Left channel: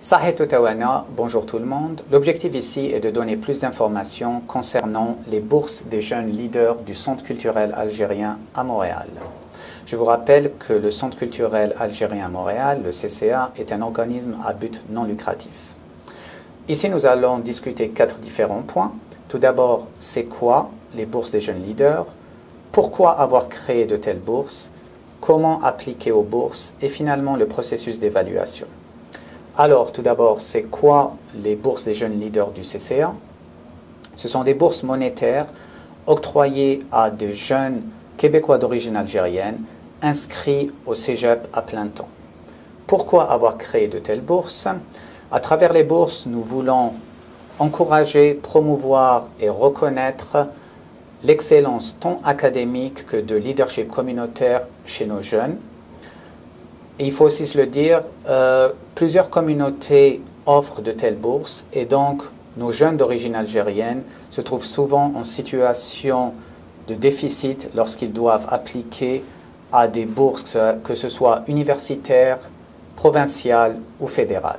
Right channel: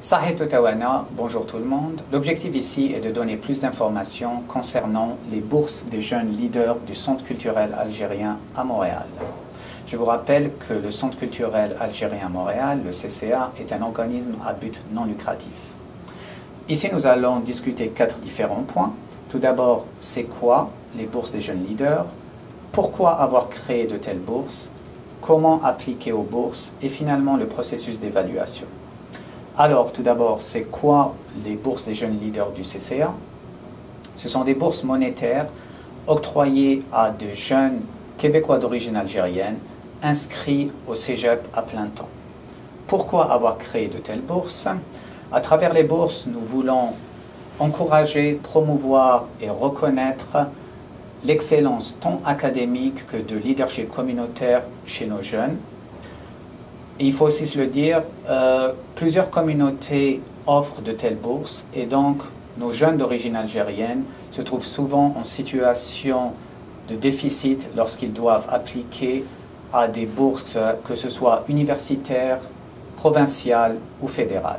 Sahih Toutawana, bonjour tout le monde. L'objectif ici est de donner plus d'informations concernant les bourses des jeunes leaders du Centre culturel algérien à Montréal. Je vous rappelle que le Centre culturel algérien à Montréal, le CCA, est un organisme à but non lucratif. Ici, nous allons discuter 4 différents points. Tout d'abord, c'est quoi les bourses des jeunes leaders? Pourquoi avoir créé de telles bourses? Comment appliquer aux bourses? Et finalement, le processus d'évaluation. Alors, tout d'abord, c'est quoi les bourses des jeunes leaders du CCA? Ce sont des bourses monétaires octroyées à des jeunes Québécois d'origine algérienne inscrits au cégep à plein temps. Pourquoi avoir créé de telles bourses? À travers les bourses, nous voulons encourager, promouvoir et reconnaître l'excellence tant académique que de leadership communautaire chez nos jeunes. Et il faut aussi se le dire, plusieurs communautés offrent de telles bourses et donc nos jeunes d'origine algérienne se trouvent souvent en situation de déficit lorsqu'ils doivent appliquer à des bourses, que ce soit universitaires, provinciales ou fédérales.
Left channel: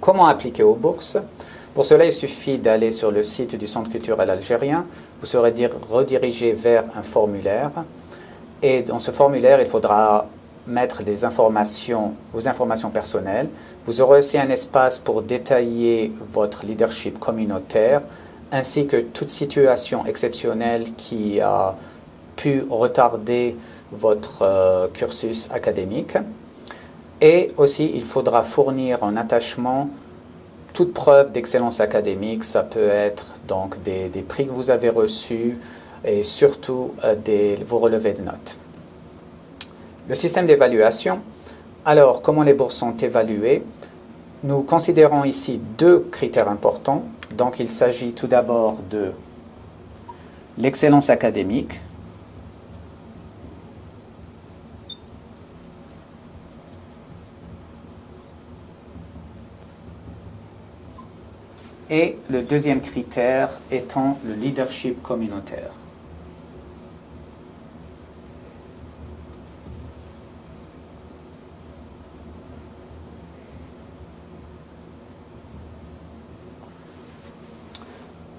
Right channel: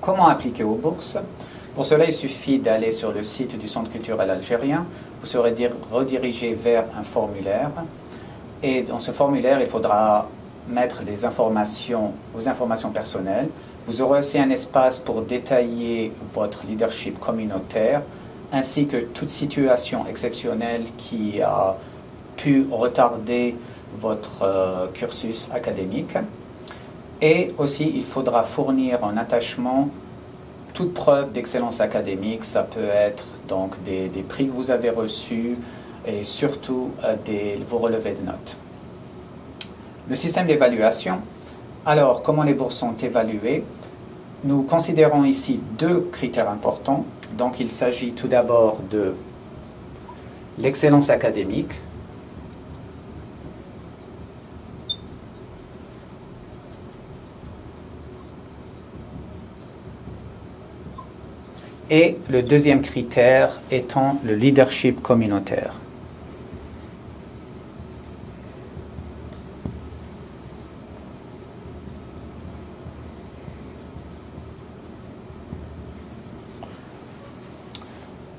Comment appliquer aux bourses? Pour cela, il suffit d'aller sur le site du Centre culturel algérien. Vous serez redirigé vers un formulaire. Et dans ce formulaire, il faudra mettre vos informations personnelles. Vous aurez aussi un espace pour détailler votre leadership communautaire, ainsi que toute situation exceptionnelle qui a pu retarder votre cursus académique. Et aussi, il faudra fournir en attachement toute preuve d'excellence académique. Ça peut être donc des prix que vous avez reçus et surtout vos relevés de notes. Le système d'évaluation. Alors, comment les bourses sont évaluées? Nous considérons ici 2 critères importants. Donc, il s'agit tout d'abord de l'excellence académique. Et le deuxième critère étant le leadership communautaire.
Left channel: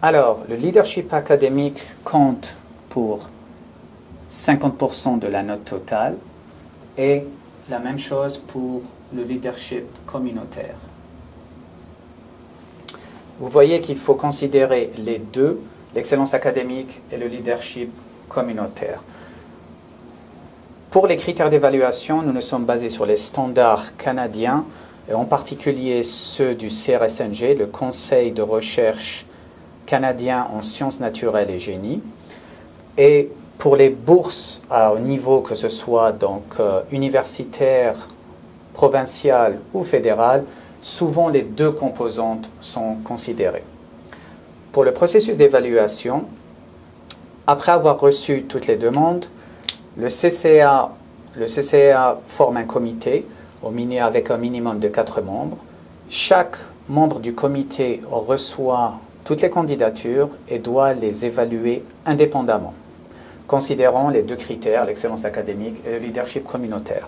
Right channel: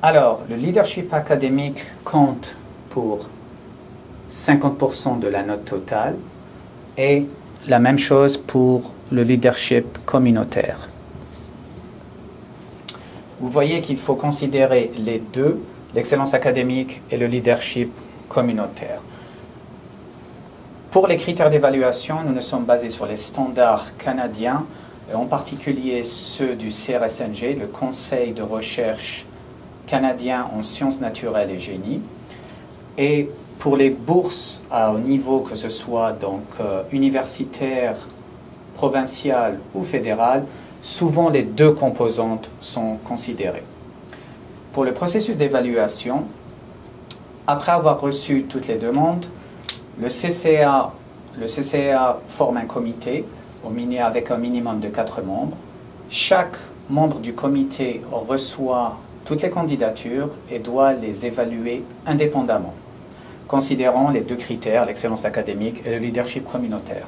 Alors, le leadership académique compte pour 50% de la note totale et la même chose pour le leadership communautaire. Vous voyez qu'il faut considérer les deux, l'excellence académique et le leadership communautaire. Pour les critères d'évaluation, nous nous sommes basés sur les standards canadiens, et en particulier ceux du CRSNG, le Conseil de recherche canadien en sciences naturelles et génie. Et pour les bourses au niveau que ce soit donc universitaire, provincial ou fédéral, souvent les 2 composantes sont considérées. Pour le processus d'évaluation, après avoir reçu toutes les demandes, le CCA forme un comité avec un minimum de 4 membres. Chaque membre du comité reçoit toutes les candidatures et doit les évaluer indépendamment, considérant les 2 critères, l'excellence académique et le leadership communautaire.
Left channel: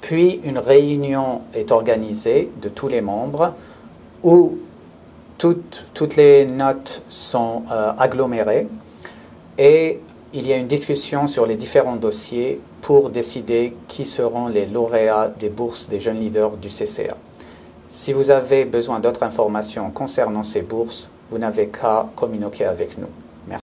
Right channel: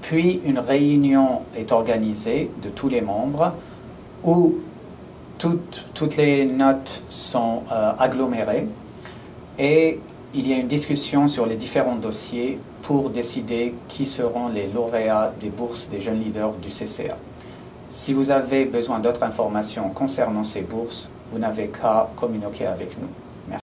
Puis une réunion est organisée de tous les membres où toutes les notes sont agglomérées et il y a une discussion sur les différents dossiers pour décider qui seront les lauréats des bourses des jeunes leaders du CCA. Si vous avez besoin d'autres informations concernant ces bourses, vous n'avez qu'à communiquer avec nous.